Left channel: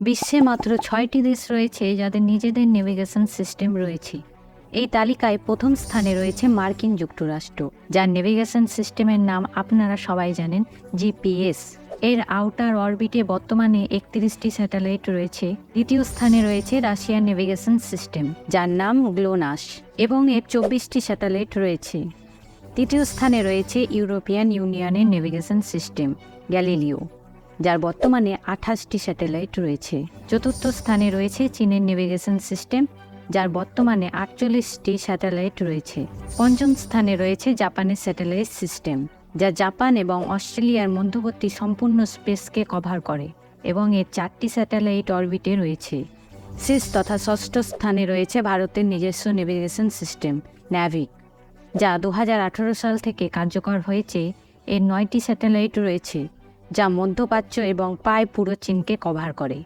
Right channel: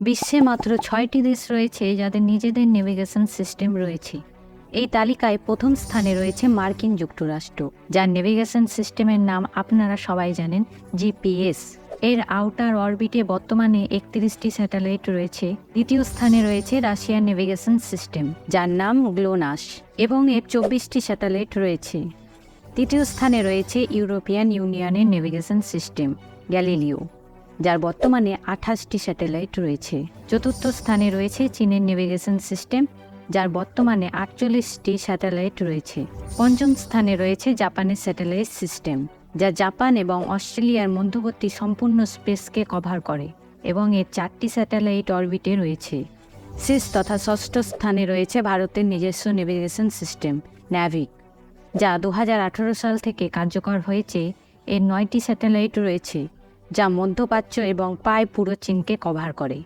বিশ্বে মাত্র 6টি দেশ রয়েছে যাদের নিজেদের নেভিগেশন সিস্টেম রয়েছে। এই তালিকায় প্রথম স্থানে রয়েছে মার্কিন যুক্তরাষ্ট্র, যার নেভিগেশন সিস্টেমের নাম আপনারা সবাই জানেন, জিপিএস। এর আউটার অরবিটে বর্তমানে 31টি স্যাটেলাইট রয়েছে। দ্বিতীয় স্থানে রয়েছে রাশিয়ার নেভিগেশন সিস্টেম, যার নাম গ্লোনাস, এবং এর 24টি স্যাটেলাইট রয়েছে। তৃতীয় স্থানে রয়েছে ইউরোপিয়ান ইউনিয়নের নেভিগেশন সিস্টেম গ্যালিলিও, যার বর্তমানে 28টি স্যাটেলাইট রয়েছে। চতুর্থ স্থানে রয়েছে চীনের নেভিগেশন সিস্টেম, যার বর্তমানে 48টি স্যাটেলাইট রয়েছে। পঞ্চম স্থানে রয়েছে জাপানের স্যাটেলাইট সিস্টেম, যা জাপান এবং অস্ট্রেলিয়ার মধ্যবর্তী সম্পূর্ণ স্পেসকে কভার করে এবং এর 4টি স্যাটেলাইট অরবিটে রয়েছে। শেষ তথা ষষ্ঠ স্থানে রয়েছে ভারতের নিজস্ব নেভিগেশন সিস্টেম ন্যাভিক, যা 2018 সাল থেকে কার্যকর হয়েছে। এর 9টি স্যাটেলাইট রয়েছে, যা মধ্যপ্রাচ্য এবং প্রায় পুরো চীনকে কভার করে।